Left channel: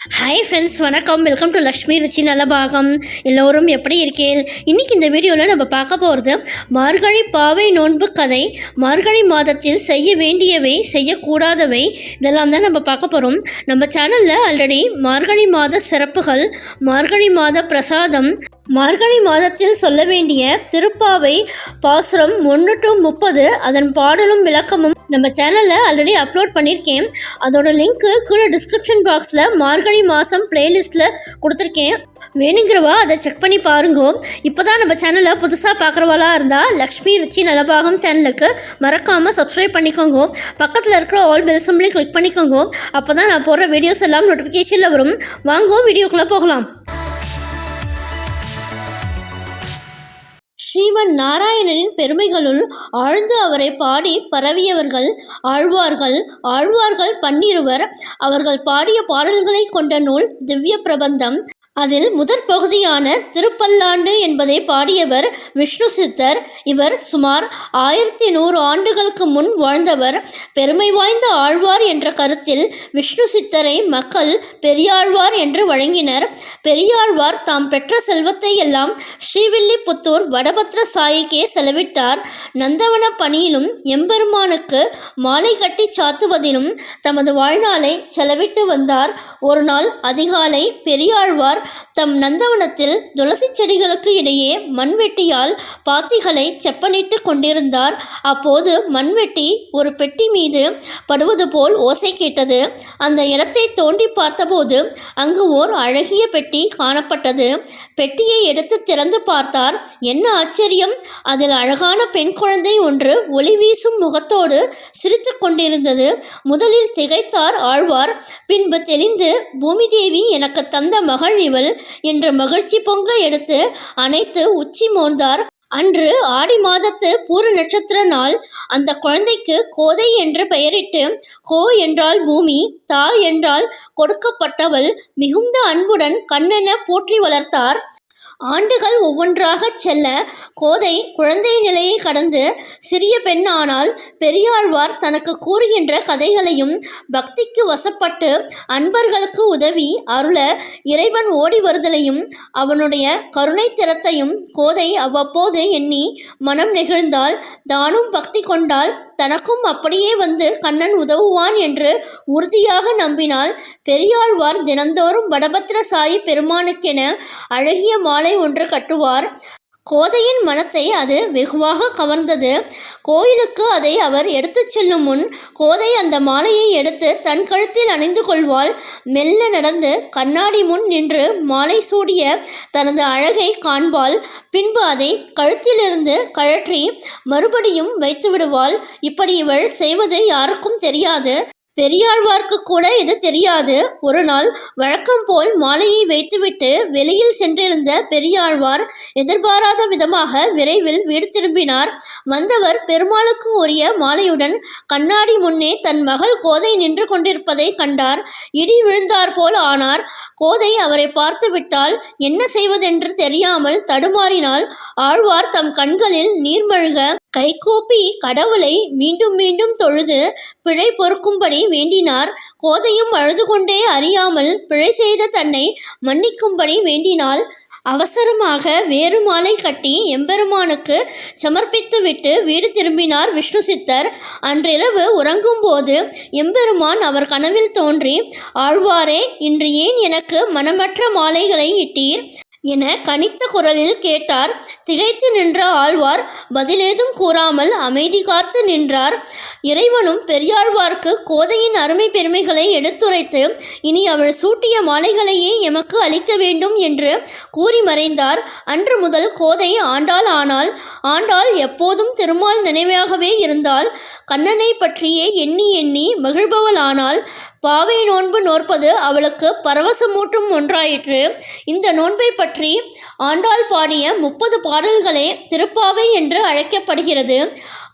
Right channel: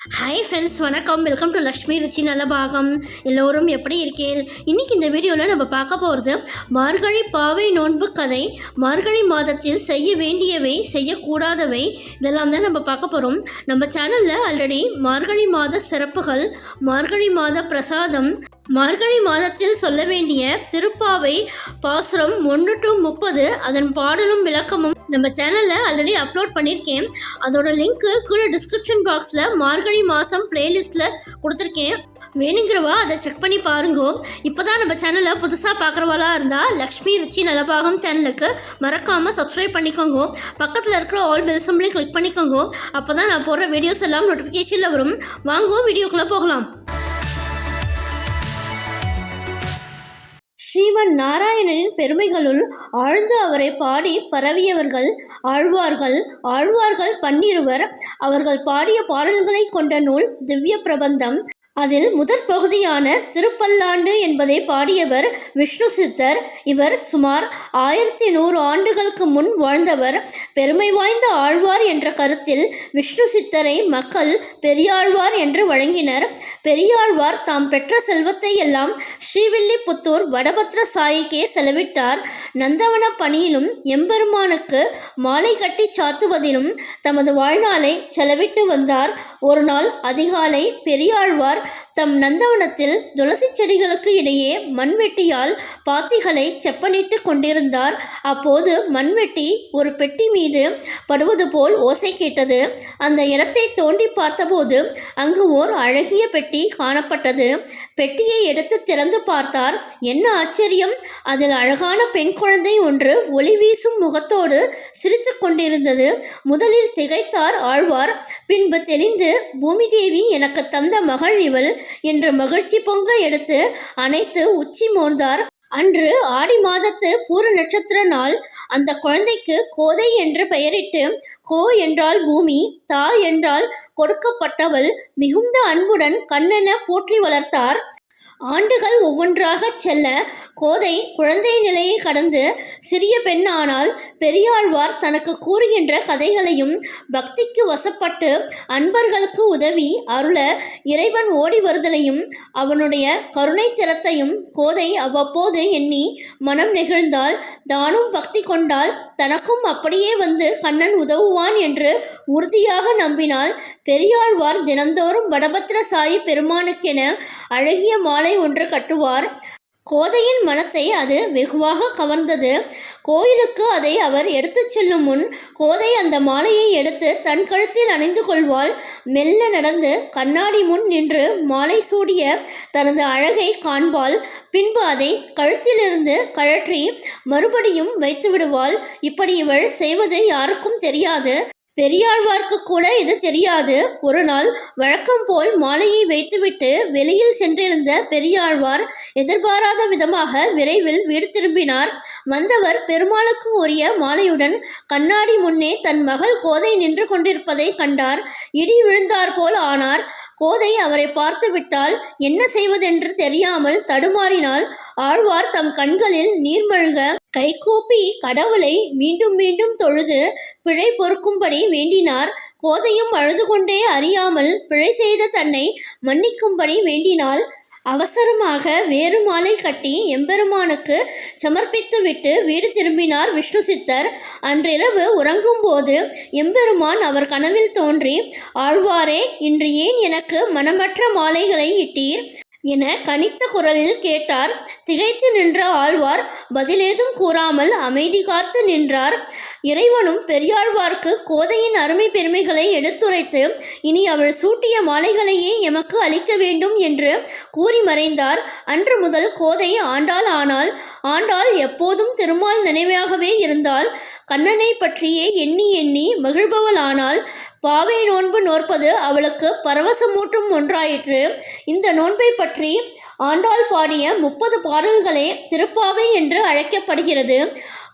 Hi friends வணக்கம். Welcome to Lakshmi Ruchi நல்ல பாகம் எல்லோரும் எப்படி இருக்கேன் இன்னைக்கு இந்த வீடியோவில் நம்ம பார்க்க போகிறது மார்கழி பாவை நோன்பு கதை. மார்கழி மாதத்தில் செய்ய வேண்டியவை செய்யக்கூடாதவை இதெல்லாம் தான் நம்ம பார்க்க போகிறோம் நம்ம சேனலில் ஆல்ரெடி மார்கழி மாத சிறப்புகள் மார்கழி மாத பிரசாதம் மார்கழி மாதத்தில் சொல்ல வேண்டிய திருப்பாவை பாசுரம் ஒன்று டு முப்பது அதன் பாடலும் விளக்கமும் நம்ம சேனலில் ஆல்ரெடி அப்லோட் பண்ணியிருக்கேன். அதோட லிங்க்கு கீழே டிஸ்கிரிப்ஷன் பாக்ஸில் மார்கழி மாதம் பிளேலிஸ்ட்டில் கொடுத்துருக்கேன். வேணுங்கிறவா அதை செக் பண்ணி பாருங்க. இப்போ தான் நம்ம சேனலை புதுசாக பார்க்குறவாளா இருந்தால் லக்ஷ்மி ருச்சி நலபாகம் சேனலுக்கு மறக்காமல் சப்ஸ்கிரைப் பண்ணிக்கோங்க. பக்கத்தில் இருக்கிற ஆல் பெல் சிம்பிளையும் கிளிக் பண்ணிக்கோங்க. அப்போ தான் நான் போடுற வீடியோஸ் எல்லாம் நோட்டிஃபிகேஷனில் வரும். வாங்க வீடியோக்குள்ளே போகலாம். ஸ்ரீமன் நாராயணனின் பெருமைகளுள் ஆழ்ந்து அவரை பாடி பரவியவர்கள் ஆழ்வார்கள். ஆழ்வார்கள் பன்னிருவர். அவர்கள் பாடிய பாடல்களை கொண்ட நூல் திவ்ய பிரபந்தம் அதில் முதற் பகுதியான திருப்பல்லாண்டு என்பதை பாடியவர் விஷ்ணு சித்தர். இவர் சுமார் ஆயிரத்தி நூறு ஆண்டுகளுக்கு முன் வாழ்ந்தவர். பெருமை வாய்ந்த ஆழ்வார் என்ற கருத்தில் விஷ்ணு சித்தரை மக்கள் பெரியாழ்வார் என்று வழங்கினர். பெரியாழ்வார் தாம் பெற்ற செல்வத்தை எல்லாம் ஸ்ரீவில்லிபுத்தூர் வடபத்ர சாயிக்கே செலவிட்டார். நந்தவன பணியிலும் எம்பெருமானுக்கு மாலை கட்டி சாத்துவதிலும் தமது வாழ்நாளை செலவிட்டு வந்தார். ஒரு நாள் அதிகாலை பெரியாழ்வார் தம் நந்தவனத்தில் துளசி செடிகளுக்கு இடையே மண்வெட்டியால் பாத்திகளை செப்பனிட்டு கொண்டிருந்தார். அப்போது மண்வெட்டி ஒரு பெட்டி மீது படுவது போல் ஓசை கேட்டது. அந்த இடத்தை தோண்டி பார்த்தபோது அங்கு ஓர் அழகிய பெட்டி காணப்பட்டது. பெட்டியை எடுத்து திறந்து பார்த்தார். என்ன ஆச்சரியம்! அதில் அழகான பெண் குழந்தை ஒன்று ஒளி வீசும் முகத்தோடு சிரித்து கொண்டிருந்தது. முதலில் திகைத்தார் ஆழ்வார். பின்பு தெளிந்து பூமிதேவி எனக்கு தந்த மகள் இவள் என்று மகிழ்ச்சி பொங்க எடுத்து அனைத்து உச்சி மோர்ந்தார் அன்று ஆடி மாதத்து பூர நட்சத்திர நாள். அந்த குழந்தைக்கு கோதை என்று பெயரிட்டு கோ என்றால் பூமி தா என்றால் கொடுக்கப்பட்டவள் மிகுந்த அன்புடன் கண்ணென போற்றி வளர்த்தார். ஆண்டுகள் ஒவ்வொன்றாகச் செல்ல கோதை குழந்தை நிலையை கடந்து சிறிய பெண் ஆனால் பெரியாழ்வார் தனக்கு கூறுகின்ற கதைகளையும் பக்திக்கு வசப்பட்டு அன்பர்களுக்கு உதவி அருள இறைவன் ஓடி வருதலையும் அவனுடைய கருணை திறத்தையும் கோதை அவ்வப்போது எண்ணி மனம் நெகிழ்ந்தால் தானும் பக்தி கொண்டால் தனக்கும் அப்படியே வந்து கண்ணன் உதவுவான் என்று உறுதியாக நம்பினாள் பெரியாழ்வார் தினந்தோறும் வடபத்திர சாயி பெருமானுக்கென அழகிய மாலை ஒன்று கட்டுவார். கோதையின் மனத்தை அது வெகுவாக கவர்ந்தது. கோயிலுக்கு அதை அவர் எடுத்துச் செல்லும் முன் கோதை அந்த மாலையை எடுத்து தன் கழுத்தில் அணிந்து கொள்வாள். மெல்ல நடந்து கண்ணாடி முன் நின்று மாலை சூடிய தனது அழகை காண்பாள். பின்பு அதை கழுத்திலிருந்து கழற்றி மறுபடியும் வைத்து விடுவாள் இப்படி இவள் செய்வது யாருக்கும் தெரியாது. பெரியாழ்வார்க்கு கூட இது தெரியாது. ஒரு நாள் வழக்கம் போல் மாலையை வைத்துவிட்டு வெளியில் சென்றிருந்த பெரியாழ்வார் எதிர்பாராத விதமாக விரைவில் வீடு திரும்பினார். வந்தவர் பெருமாளுக்கு உரிய மாலையுடன் கண்ணாடி முன்னே தன் மகள் கோதை நின்று கொண்டிருப்பதை கண்டார். இடி விழுந்தார் போல் ஆனார். கோதை அவரை பார்த்துவிட்டால் என்ன செய்வதென்று தெரியாமல் தடுமாறினால் ஆழ்வார் தம் கண்களில் நீர்மழ்க கைகூப்பி கடவுளை மீண்டும் மீண்டும் தொழுது பிழை பொறுக்கும்படி வேண்டினார். கோதையும் அழுது கொண்டே அறியாமல் பிழை செய்த தன்னை மன்னிக்கும்படி வேண்டினாள். அவசரமாக வேறு மாலை கட்டி எம்பெருமானுக்கு சமர்ப்பித்துவிட்டு வீடு திரும்பினார் விஷ்ணு சித்தர். அன்றிரவு உறங்கும்போது எம்பெருமான் அவர் கனவில் தோன்றி ஆழ்வாரே இன்று ஏன் எனக்கு மனமற்ற மாலைகளை இட்டீர்? என கனித்த குரலில் கேட்டார். திகைத்து நின்ற ஆழ்வார் பதிலேதும் கூறாமல் அமைதி காத்து நின்றார். இறைவனும் பெரியாழ்வார்க்கு கோதையின் அருமை பெருமைகளை எடுத்துரைத்து இனி அவள் சூட்டிய மாலைகளையே எமக்கு அளிக்க வேண்டும் என்று கூறி மறைந்தார். அன்று முதல் கோதை ஆண்டாள் ஆனால் ஆண்டாள் எப்போதும் திருமால் நினைவாகவே இருந்தால் கண்ணனை பற்றியே எண்ணி எண்ணி மகிழ்பவளானால் பாவை நோன்பு நோற்பது அவளுக்கு பரவசமூட்டும் ஒன்றாயிற்று. இந்த நோன்பை பற்றி ஆண்டாள் பாடிய முப்பது பாடல்களே திருப்பாவை என்று அழைக்கப்படுகிறது.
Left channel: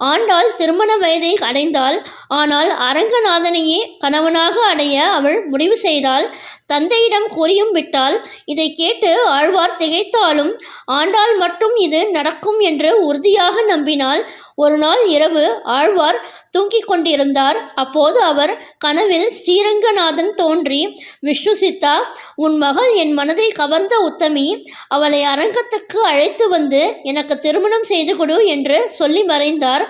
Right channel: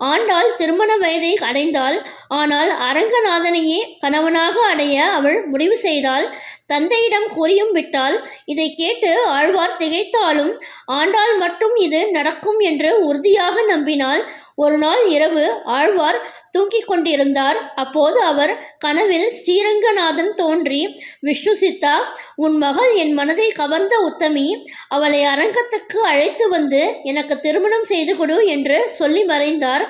ஆண்டாள் திருமண வயதை அடைந்தாள். ஆனால் அரங்கநாதனையே கணவனாக அடைய அவள் முடிவு செய்தால் தந்தையிடம் கூறியும் விட்டால் இதை கேட்டு ஆழ்வார் திகைத்தாலும் ஆண்டாள் மட்டும் இது நடக்கும் என்று உறுதியாக நம்பினால் ஒரு நாள் இரவு ஆழ்வார் தூங்கிக் கொண்டிருந்தார் அப்போது அவர் கனவில் ஸ்ரீரங்கநாதன் தோன்றி விஷ்ணு சித்தா உன் மகள் என் மனதை கவர்ந்த உத்தமி அவளை அரங்கத்துக்கு அழைத்து வந்து எனக்கு திருமணம் செய்து கொடு என்று சொல்லி மறைந்தார்.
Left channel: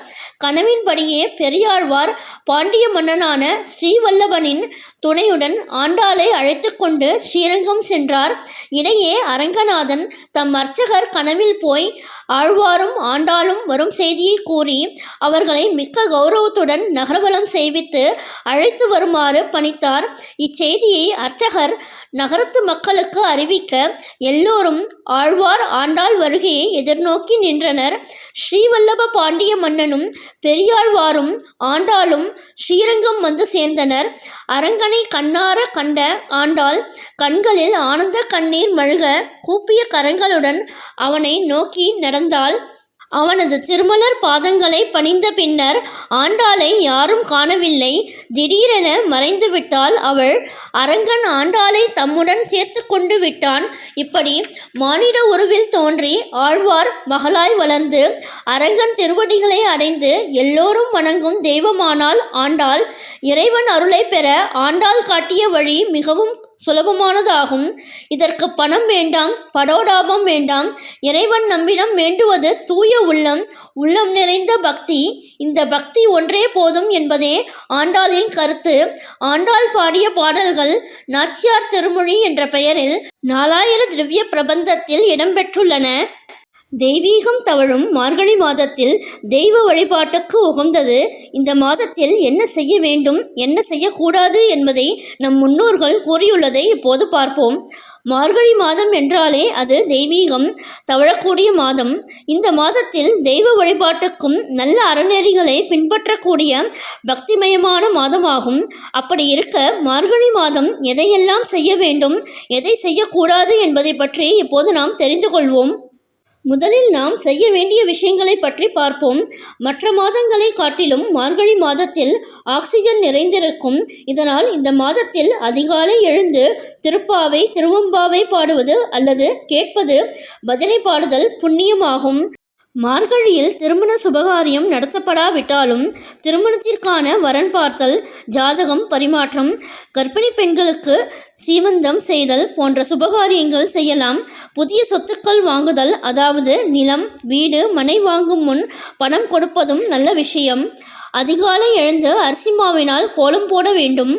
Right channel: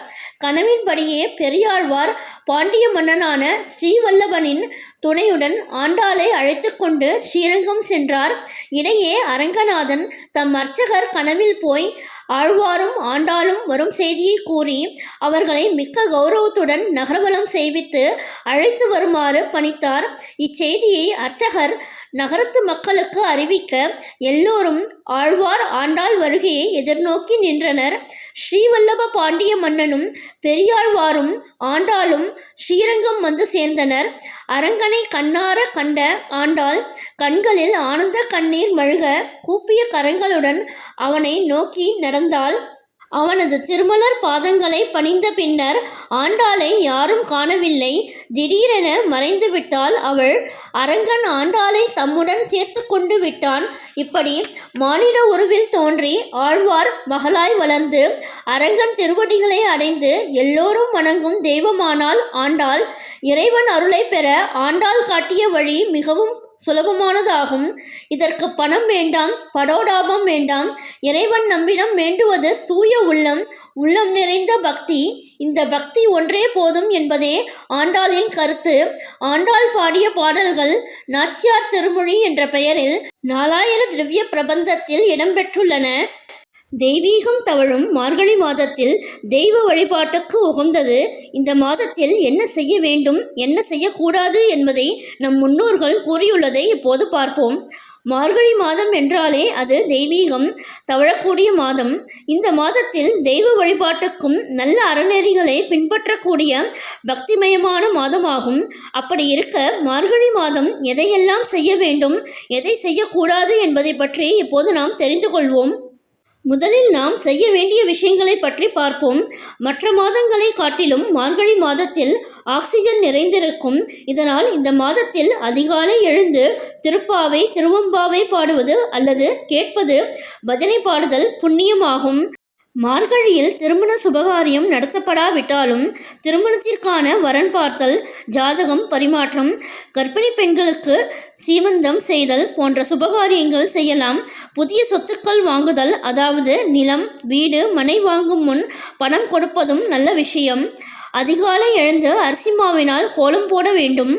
கனவின்படியே பெரியாழ்வார் பாண்டிய மன்னனான ஸ்ரீவல்லபனின் துணையுடன் ஆண்டாளை அழைத்து கொண்டு ஸ்ரீரங்கம் சென்றார். இடையே அரங்கநாதன் தம் அர்ச்சகர் கனவில் போய் ஆழ்வாரும் ஆண்டாளும் வரும் செய்தியை கூறி அவர்களை மிக்க கௌரவத்துடன் நகரவலம் செய்வித்து அழைத்து வருமாறு பணித்தார். இச்செய்தியை அர்ச்சகர் நகரத்து மக்களுக்கு அறிவிக்க எல்லோரும் ஆழ்வார் ஆண்டாள் வருகையை எதிர்நோக்கி நின்றனர். ஸ்ரீவல்லப பாண்டிய மன்னனும் பெரியாழ்வாரும் ஆண்டாளும் ஸ்ரீரங்கம் வந்து சேர்ந்தனர். அரங்கனை கண்ணார கண்ட ஆண்டாள் கண்களில் ஆனந்த கண்ணீர் மழுக கூப்பிய கரங்களுடன் அவனை நோக்கி நடந்தாள். அவனது திருமலர் பாதங்களை பணிந்த பின்னர் ஆண்டாளை யாரும் காணவில்லை. திடீரென மறைந்துவிட்டால் அவள் அரங்கன் ஆண்டாளை தம்முடன் சேர்த்து கொண்டு விட்டான். இப்படி மானிட உருவில் தோன்றி ஆழ்வார் மகளாய் வளர்ந்து அரங்கன் திருவடிகளை அடைந்து எல்லோரும் வணங்கும் தெய்வமானால் ஆண்டாள் இறைவன் அருளை பெற ஆண்டாள் காட்டிய வழி மிகவும் சுலபமானதாகும். இதற்கு பணம் வேண்டாம் படோடாபம் வேண்டாம். இறைவன் நம்மிடம் வேண்டுவது தூய உள்ளம் உள்ளம் நிறைந்த பக்தி. இந்த பக்தி ஒன்றே போதும் என்பதே ஆண்டாளின் கருத்து. ஆண்டாள் பாடிய பாடல்கள் நாச்சியார் திருமொழி என்ற பெயரில் நாலாயிர திவ்ய பிரபந்தத்தில் இடம்பெற்றுள்ளன. தெய்வீகம் தவழும் மார்கழி மாதத்தில் தெய்வ வழிபாட்டுக்கு உகந்தது. இந்த மாதத்தில் என்ன செய்ய வேண்டும் என்ன செய்யக்கூடாது என்பதை நம் முன்னோர்கள் கூறியுள்ளதை இப்போது பார்ப்போம். மார்கழி மாதம் என்றாலே அது தெய்வீகம் தவழக்கூடிய மாதம். இந்த மாதத்தில் தெய்வ வழிபாட்டுக்கும் நல்ல அறநெறிகளை பின்பற்றக்கூடிய பக்திமயமான மாதமாகும். அப்படி இருக்க மார்கழி மாதம் எதையெல்லாம் செய்ய வேண்டும் எதை செய்யக்கூடாது என்பதை பற்றி இப்போது நாம் தெரிந்து கொள்வோம். முதலில் நாம் செய்ய வேண்டிய விஷயங்களை பற்றி பார்ப்போம். மற்ற மாதங்களை காட்டிலும் மார்கழி மாதத்தில் ஆக்சிஜன் நிறைந்திருக்கும். இதனால் இந்த மாதத்தில் அதிகாலை எழுந்து திருப்பாவை திருவம்பாவை பாடுவது அல்லது கேட்பது பஜனை பாடுதல் புண்ணியமாகும். மார்கழியில் திருமண சுபகாரியம் நடத்தப்படாவிட்டாலும் திருமணத்திற்கான வரன் பார்த்தல் ஜாதகம் பரிமாற்றம் கர்ப்பிணி பெண்களுக்கு சீமந்தம் செய்தல் போன்ற சுபகாரியங்கள் செய்யலாம். புதிய சொத்துக்கள் வாங்குதல் அதாவது நிலம் வீடு மனை வாங்கும் முன் பணம் கொடுப்பதும் நல்ல விஷயம். அதிகாலை எழுந்து அரிசி மாவினால் கோலம் போட வேண்டும்.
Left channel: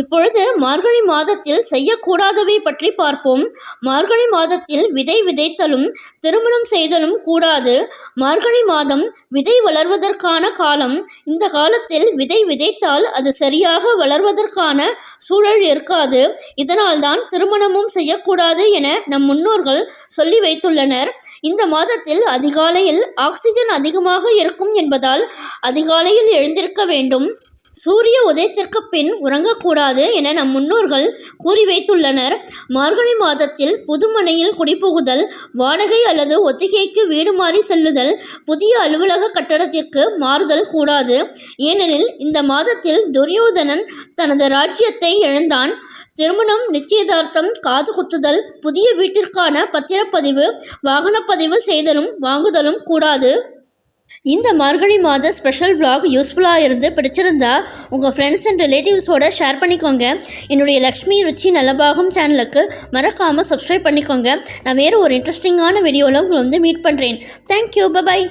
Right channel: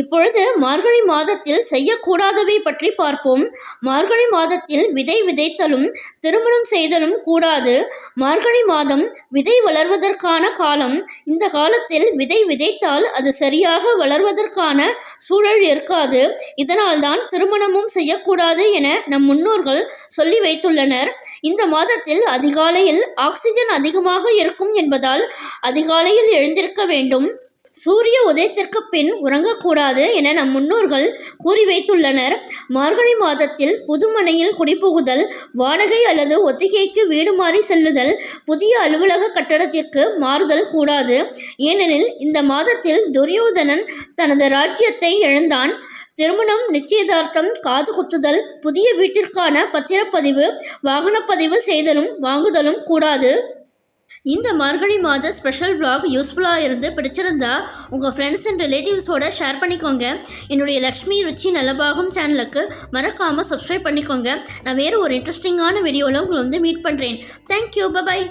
இப்பொழுது மார்கழி மாதத்தில் செய்யக்கூடாதவை பற்றி பார்ப்போம். மார்கழி மாதத்தில் விதை விதைத்தலும் திருமணம் செய்தலும் கூடாது. மார்கழி மாதம் விதை வளர்வதற்கான காலம். இந்த காலத்தில் விதை விதைத்தால் அது சரியாக வளர்வதற்கான சூழல் இருக்காது. இதனால்தான் திருமணமும் செய்யக்கூடாது என நம் முன்னோர்கள் சொல்லி வைத்துள்ளனர். இந்த மாதத்தில் அதிகாலையில் ஆக்சிஜன் அதிகமாக இருக்கும் என்பதால் அதிகாலையில் எழுந்திருக்க வேண்டும். சூரிய உதயத்திற்கு பின் உறங்கக்கூடாது என நம் முன்னோர்கள் கூறி வைத்துள்ளனர். மார்கழி மாதத்தில் புதுமனையில் குடிபுகுதல் வாடகை அல்லது ஒத்திகைக்கு வீடு மாறி செல்லுதல் புதிய அலுவலக கட்டடத்திற்கு மாறுதல் கூடாது. ஏனெனில் இந்த மாதத்தில் துரியோதனன் தனது ராஜ்யத்தை இழந்தான். திருமணம் நிச்சயதார்த்தம் காது குத்துதல் புதிய வீட்டிற்கான பத்திரப்பதிவு வாகனப்பதிவு செய்தலும் வாங்குதலும் கூடாது. இந்த மார்கழி மாத ஸ்பெஷல் vlog யூஸ்ஃபுல்லாக இருந்து பிடிச்சிருந்தா உங்கள் ஃப்ரெண்ட்ஸ் அண்ட் ரிலேட்டிவ்ஸோட ஷேர் பண்ணிக்கோங்க. என்னுடைய லக்ஷ்மி ருச்சி நல்லபாகம் சேனலுக்கு மறக்காமல் சப்ஸ்கிரைப் பண்ணிக்கோங்க. நான் வேறு ஒரு இன்ட்ரெஸ்டிங்கான வீடியோவில் உங்களை வந்து மீட் பண்ணுறேன் தேங்க்யூ பபாய்